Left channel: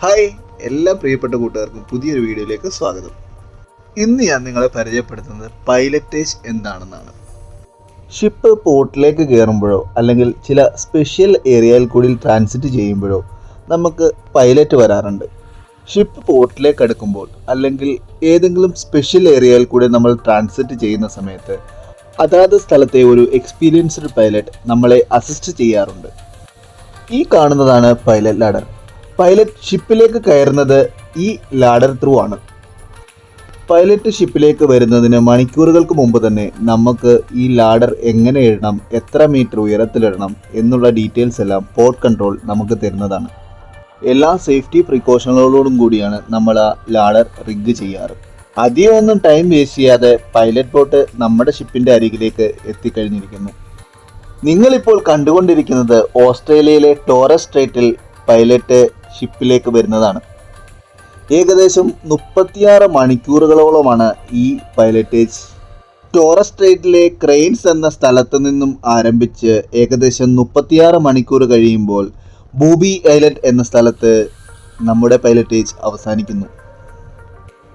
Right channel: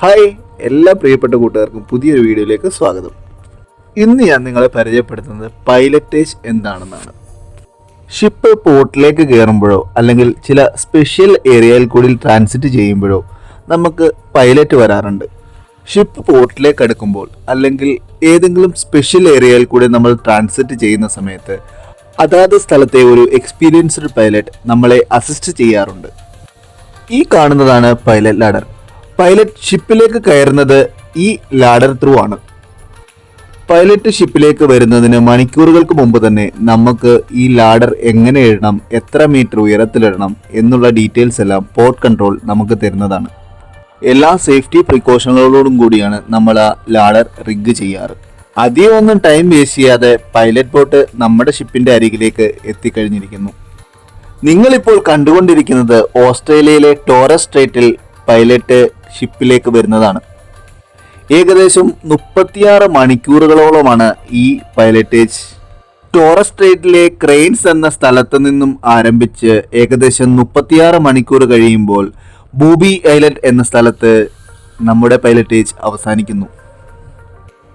Hi, എല്ലാ പ്രിയപ്പെട്ട കൂട്ടുകാർക്കും പുതിയൊരു വീഡിയോയിലേക്ക് സ്വാഗതം. ഇന്ന് ഞാൻ നിങ്ങളെ പരിചയപ്പെടുത്തുന്നത് പൈലറ്റേജ് എന്താണെന്നാണ്. ഷിപ്പ് പോർട്ടിലേക്ക് കയറുമ്പോഴോ അല്ലെങ്കിൽ ചില സ്പെഷ്യൽ ഏരിയയിൽ കൂടി ട്രാൻസിറ്റ് ചെയ്യുമ്പോഴോ നമുക്ക് പൈലറ്റ് വരാറുണ്ട്. ഷിപ്പ് പോർട്ടിലേക്ക് അടുക്കുമ്പോൾ അല്ലെങ്കിൽ ഏതെങ്കിലും സ്പെഷ്യൽ ഏരിയയിൽ കൂടി നമ്മൾ ട്രാൻസിറ്റ് ചെയ്യുന്ന സമയത്ത് അതാത് സ്ഥലത്തെ ഒരു എക്സ്പീരിയൻസ്ഡ് പൈലറ്റ് നമ്മളെ അസിസ്റ്റ് ചെയ്യാറുണ്ട്. ഈ കാണുന്നതാണ് പൈലറ്റ് ലാഡർ. പൈലറ്റ് ഷിപ്പിലേക്ക് കയറുന്നത് ഈ ലാഡർ ത്രൂ ആണ്. പൈലറ്റ് ഷിപ്പിലേക്ക് വരുന്നതിന് മണിക്കൂറുകൾക്ക് മുമ്പ് തന്നെ നമുക്ക് ഈ ലാഡർ എങ്ങനെ ഇടണം, എത്ര മീറ്റർ ഉയരത്തിലിടണം എന്നുള്ള ഡീറ്റെയിൽസ് എല്ലാം പോർട്ട് കൺട്രോൾ നമുക്ക് തരുന്നതാണ്. എല്ലാ സേഫ്റ്റി പ്രിക്കോഷനുകളോടും കൂടിയാണ് നമ്മൾ ആ ലാഡർ റിഗ് ചെയ്യാറ്. അധികം ഒന്നും ടൈം വേസ്റ്റ് ചെയ്യാതെ പൈലറ്റ് ബോട്ട് നമ്മുടെ ഷിപ്പിന്റെ അരികിലേക്ക് എത്തിക്കഴിഞ്ഞിരിക്കുന്നു. നിങ്ങളിപ്പോൾ കണ്ടുകൊണ്ടിരിക്കുന്നത് ഓസ്ട്രേലിയയിലെ ടോറസ് സ്ട്രൈറ്റിൽ പൈലറ്റ് ഷിപ്പിലേക്ക് വരുന്നതാണ്. ഏകദേശം 36 മണിക്കൂറുകളോളമാണ് ഈ പൈലറ്റേജ്. ടോറസ് സ്ട്രൈറ്റിലെ ക്രെയിൻസ് എന്ന സ്ഥലത്ത് നിന്നും ആരംഭിച്ച് ഏകദേശം 36 മണിക്കൂർ കഴിയുമ്പോൾ ബൂബി ഐലൻഡ് എന്ന സ്ഥലത്ത് നമ്മുടെ പൈലറ്റേജ് അവസാനിക്കുന്നു.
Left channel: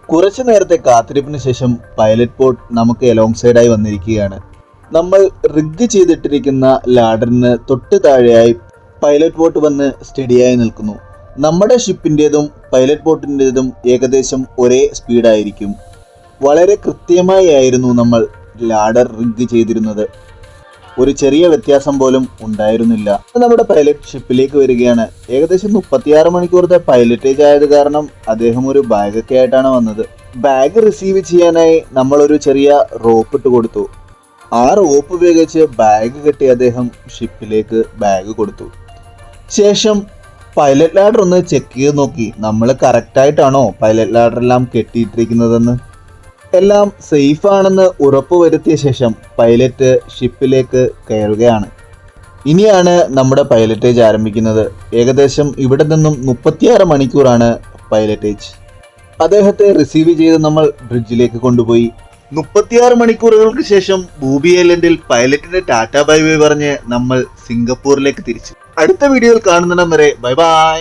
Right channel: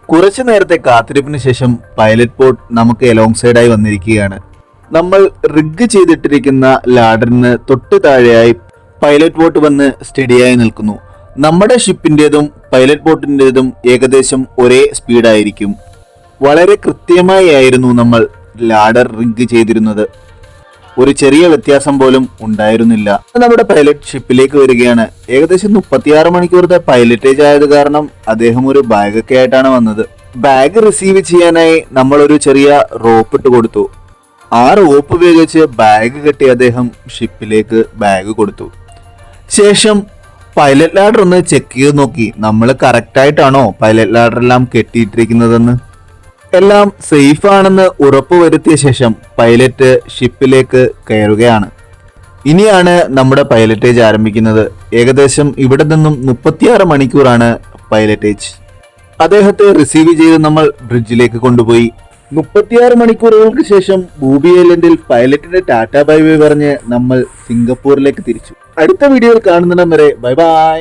കുറച്ചു നേരത്തെ കാത്തിരിപ്പിന് ശേഷം പൈലറ്റ് ബോട്ട് നമുക്ക് എലോങ് സൈഡായി വന്നിരിക്കുകയാണ്. നമ്മൾ റിഗ് ചെയ്തിട്ടിരിക്കുന്ന ലാഡറിന് തൊട്ട് താഴെയായി പൈലറ്റ് ബോട്ട് വന്ന് സ്റ്റഡിയായി നിൽക്കുന്നു. നമ്മുടെ ഷിപ്പിൻ്റെതും പൈലറ്റ് ബോട്ടിൻ്റെതും ഏകദേശം ഒരേ സ്പീഡായിരിക്കും. വളരെ കൃത്യമായി ആയിരുന്നു നമ്മൾ ലാഡർ റിഗ് ചെയ്തിരുന്നത്. ഒരു ചെറിയ വ്യത്യാസം പോലും ഉണ്ടായിരുന്നില്ല. നമ്മുടെ പൈലറ്റ് ഷിപ്പിലേക്ക് വരികയാണ്. ഏകദേശം 36 മണിക്കൂറത്തെ പൈലറ്റേജ് ആയത് കാരണം അദ്ദേഹം ഒരു ബാഗൊക്കെ ആയിട്ടാണ് വന്നത്. ബാഗ് റിസീവ് ചെയ്യാനായി നമ്മൾ ഒരു ചെറിയ റോപ്പ് ഇട്ട് കൊടുത്തു. ആ റോപ്പ് ഉപയോഗിച്ച് ബാഗ് കെട്ടി അദ്ദേഹം ഷിപ്പിലേക്ക് ബാഗ് കൊടുത്തു. ശേഷം പൈലറ്റ് ലാഡർ ഒന്ന് ചെക്ക് ചെയ്ത് നോക്കി, നമ്മൾ കറക്റ്റായിട്ടാണോ പൈലറ്റ് ലാഡർ എല്ലാം കെട്ടിയിട്ടിരിക്കുന്നതെന്ന്. എല്ലാം സേഫ് ആണെന്ന് ഉറപ്പുവരുത്തിയ ശേഷം പൈലറ്റ് ഷിപ്പിലേക്ക് കയറുകയാണ്. ഇനിയാണ് നമ്മുടെ പൈലറ്റേജ് ആരംഭിക്കുന്നത്. ഏകദേശം ഇവിടെ നിന്നും 36 മണിക്കൂറാണ് പൈലറ്റേജ്. അദ്ദേഹത്തെ റിസീവ് ചെയ്ത് നമ്മൾ ബ്രിഡ്ജിലേക്ക് കൊണ്ടുപോയി. 36 മണിക്കൂറുകൾക്ക് ശേഷം ബൂബി ഐലൻഡിൽ പൈലറ്റിന്റെ ടാറ്റ ബൈ ബൈ പറഞ്ഞ് നമ്മൾ സിംഗപ്പൂരിലേക്ക് തിരിച്ചു. അടുത്ത വീഡിയോയിൽ കാണുന്നിടം വരെ ബൈ ബൈ.